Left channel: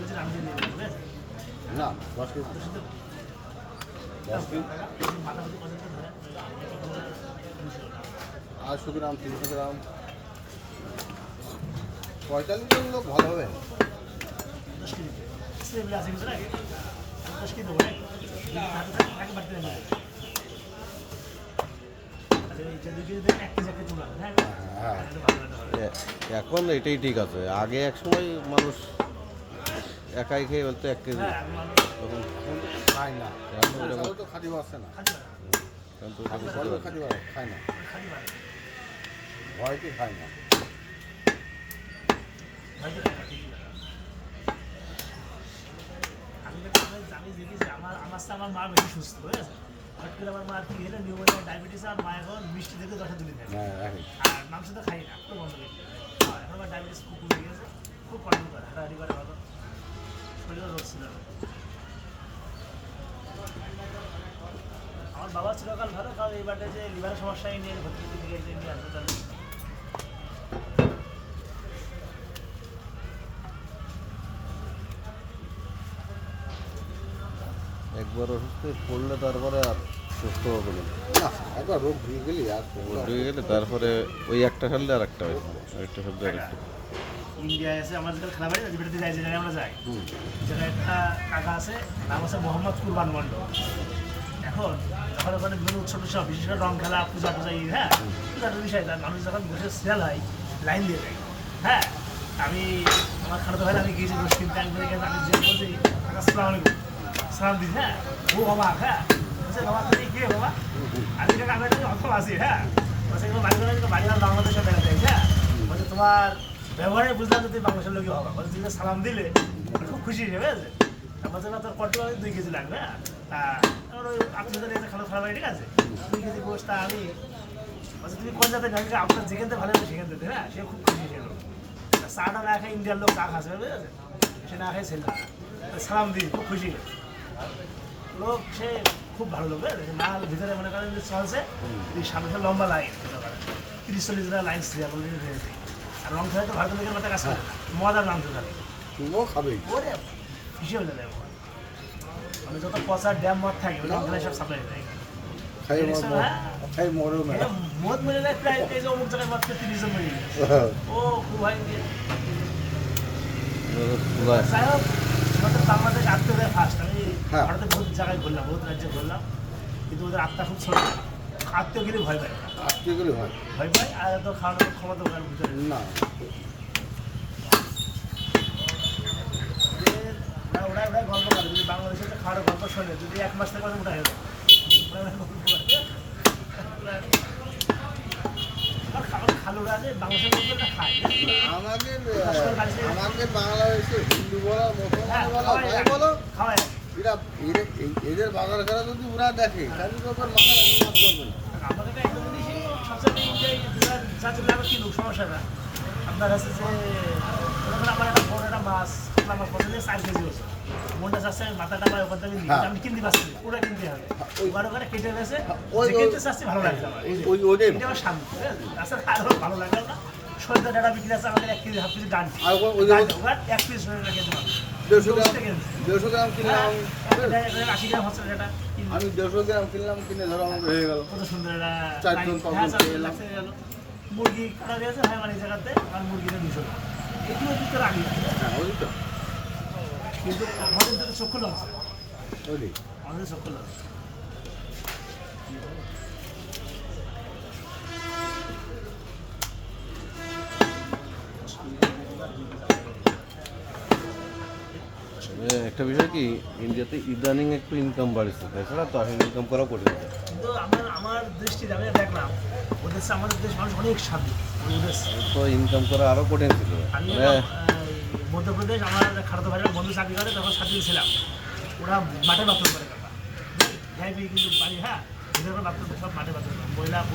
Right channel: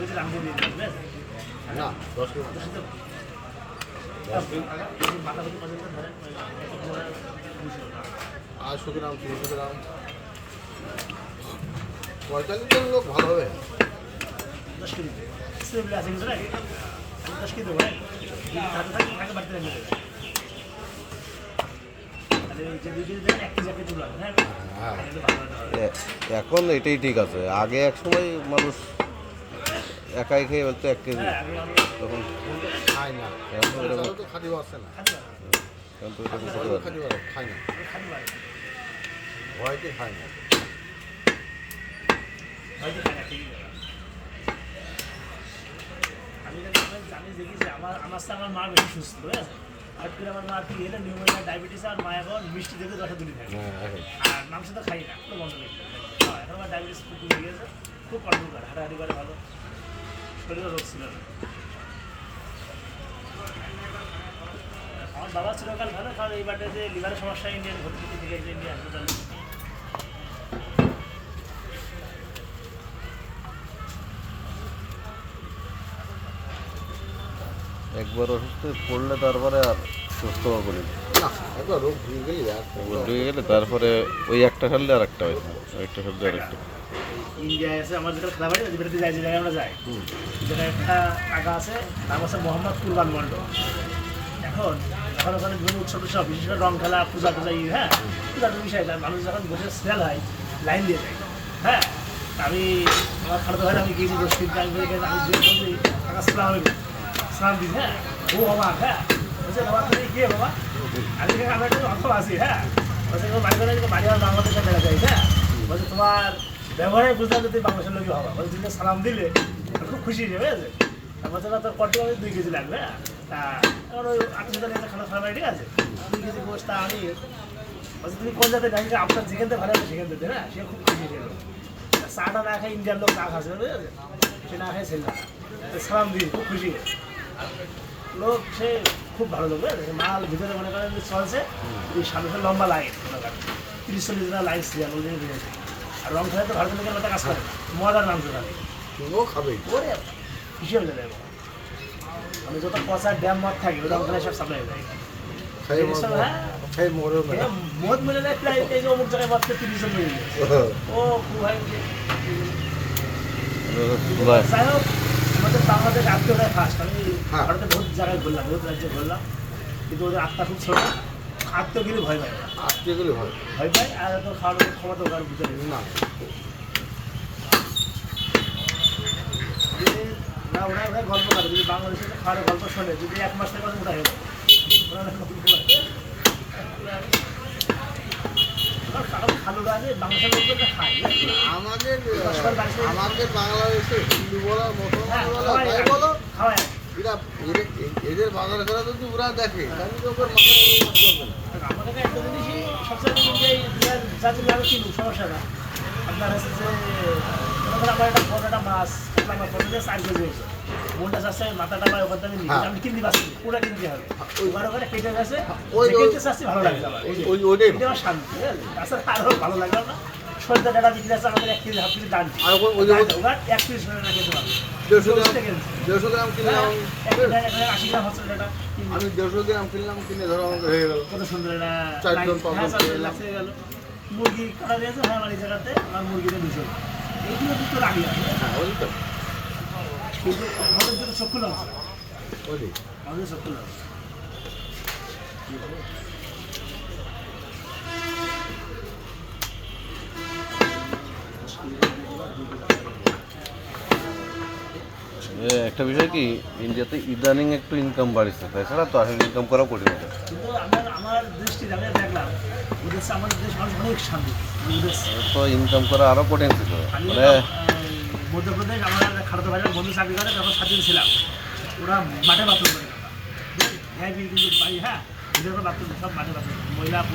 KG Ram দিয়ে দিবেন না 10 কেজি মাথা পিছু কত ধরেন 800 গ্রাম 300 গ্রাম 45 জন লোক ভালো হবে 10 কেজি সেগুলো আছে কিছু না 10 কেজি দেবেন থাকে বাড়তে নেবে এখন এটাই ঠিক আছে। আগে এক সময় মানুষ একাই খেয়ে বলতো 1 কেজি, তখন খায় না এখন এরকম তো খাদিও আছে না এখন তো এরকম খেতে পারে। খাদিও খায় না ভয়তে খায় না আমি দেখেছি আমার মা বেশি সুস্থ ঠিক আছে। হঠাৎ করে আমার মা কি হলে নিউমোনিয়া ডায়াবেটিস আর মা এখন মিষ্টি দেখে 10 দিনই থাকে আর মাংস তো খাই না তো বন্ধ করি এখন আমার ডায়াবেটিস খুব কমে গিয়েছে, খুব কন্ট্রোল করে, হাঁটাহাঁটি করে ভালো, শরীরে রোগ ছিল না। আমার বাবা চিরকাল ভালো, কারণ এই বাটে যে লিভারের সমস্যা ইন্ডিয়ান ভর্তি করতে গিয়েছে ইন্ডিয়ান হাসপাতালে। একবার অসুস্থ পড়লে তারপরে আর সুস্থ করি না একবার রোগ ঢুকে গেলে আর ঢুকে গেলে তারপরে ওই একটা সারলে আর একটা হয়, একটা সারলে আর একটা। ইন্ডিয়া এসে আমার যেটা খেলা বাড়ি যেটাতে যাই, যে জায়গায় আমরা যাই, যেটা একটা টাকা আছে, নাম আছে মোহাম্মদ কুরবান মন্ডল। এখন যখন ওখানে বিভিন্ন উৎসব টুৎসব, বিশেষ করে রং খেলা, পূজা টুজা, হ্যাঁ পূজার বিষয় মানুষ যখন বসে স্মেল হয় লাইন দিয়ে যায়। হ্যাঁ আমি আমার খালাতো ভাই আমি গিয়েছি গোষ্ঠীর টাইম করে গেছি, আমি যে বলছি টাকা সালাম দিই, হ্যাঁ ও বাবা, হ্যাঁ বলছে বাবা তুমি কে বাবা, আমি আমি একটা অর্থ আছি, হ্যাঁ বলছে বাড়ি করে বাড়ি আর বাংলাদেশে দেখা যায়, হ্যাঁ বলছে তোমার ব্যবহারে বুঝলাম যে তুমি বাংলাদেশের লোকই হবা, বলছে তুমি সালাম দিলে খুব খুশি হবে। বলছে না তোর কত 2 কেজি লাগবে, হ্যাঁ তা আমার ওই 8,000 খানা খাওয়া ঠিক আছে, 2 কেজি গোষ্ঠ তা আমি বলছে তুমি কোন জায়গায় জানি আপনার যেখান থেকে ভালো হবে সেখান থেকে, হ্যাঁ সে খুব খুশি হলো। চাটা না খায় ইন্ডিয়ার লোক চা খাচ্ছে, বুঝেছে সে না খায় ছিল সালাম দিই, খুব খুশি লোক, সে খুব ভালো লোক। মা ভিতরে মনে করেন যে চলছে এই সামনে লম্বা লাইন 30-40 জন লাইন দিয়েছে, আর রং খেলে তো ভারতের লোকের একটা কাজ করে মজার মাংস খাবে, তুমিও খাবে ওরে খুশি হয়ে যাবে। মানে যত পচা ড্যাম মদ থাকে ওই রং খেলে সব সাপ্লাই হয়ে যায়। খাই মরে মদ মেরে নেয় প্রায় এই অমুক জায়গায় মদ 30 জন মেরে গেছে। ও খুব ভাই যাই হোক, আমাদের বাংলাদেশ আত্মীয়তায় ফার্স্ট। আমি ভারতে বহুত জায়গায় ঘুরলাম, বহুত রাজ্যে ঘুরলাম, কিন্তু ওদের আত্মা খুব ছোট, আত্মীয়গিরি ভয় পায়, আত্মীয়গুলি হয় ভয় পায়, আর তো খাওয়ানোর ক্ষমতা ওখানে ভিতরে না না। ওরা গল্প করে, যদি বাংলাদেশের খাওয়ার গল্প শোনে, যদি 1 মাস থেকে মোটা হয়ে যায় খালুরা যে বাংলাদেশের লোকটা খায়। আমাদের বাংলাদেশে হিন্দু বলা মুসলমান বলা যাই বলো খাওয়ায় এরা এদের বাংলা খেলা যদি ওরা দেখে তাহলে তো ওদের মাথা করবে না। আমাদের একটা জিনিসই সবচেয়ে ইন্ডিয়ায় যাচ্ছে লাগবে কিনু সমস্যা না। আপনার হচ্ছে যে আমার একটা বড় একটা মাছ আমার পছন্দ 4 কেজি হয়েছে, মনটা চাচ্ছে মাথাটা পায় ওখান থেকে নিয়ে আমি কিনতে পারছি, পুরো কিনতে হবে ওখানে ওখানে কেটে গেছে, কিনতে চাচ্ছি ভালো লাগছে আমার, ওইটাই আমার শান্তি, তাছাড়া আরও ভালো লাগলো না। সন্ধ্যা ডাটা বিক্রি আছে আমাদের 1 কেজি 1/2 কেজি ডান, আর ওখানে 1 পিস খেতে পারবো 150 গ্রাম কিনলাম, 80 গ্রাম হচ্ছে ডাটা, আমি 150 গ্রাম কিনলাম, কিনে ধরো আমাকে হয়ে গেল কত সুন্দর এটা 4 জন 5 জন লাগছে গেল। মুরগি কাটা দিয়েছে, হ্যাঁ আমার এই জায়গাতে আমার মুরগিতে 200, এইগুলো কিন্তু রাখি আছে, হ্যাঁ ওই তো কিন্তু আমাদের তো চক্ষু লাগছে, ওই আমাদের চক্ষু লাগছে। একটা বিষয় কি, ইন্ডিয়াতে ইদানিং একটু ইনকাম বাড়ছে, তাছাড়া তো আসলে ইনকাম করাও কঠিন হতো। কিন্তু আমার দৃষ্টিতে আমি দেখলাম ওদের আমাদের দেশ মানুষ অনেক শান্তি, তো ইনকাম করা আরও কঠিন ছিল। মানে মধ্যপ্রদেশ আমার খালাতো ভাইয়ের বন্ধু চাকরি করে, তখন সাথে ছিলাম, ওরা মাঠে বাথরুম করে কথা কিন্তু বাড়ি, হ্যাঁ ওদের বাথরুম সব মাঠে বাথরুম, মহিলা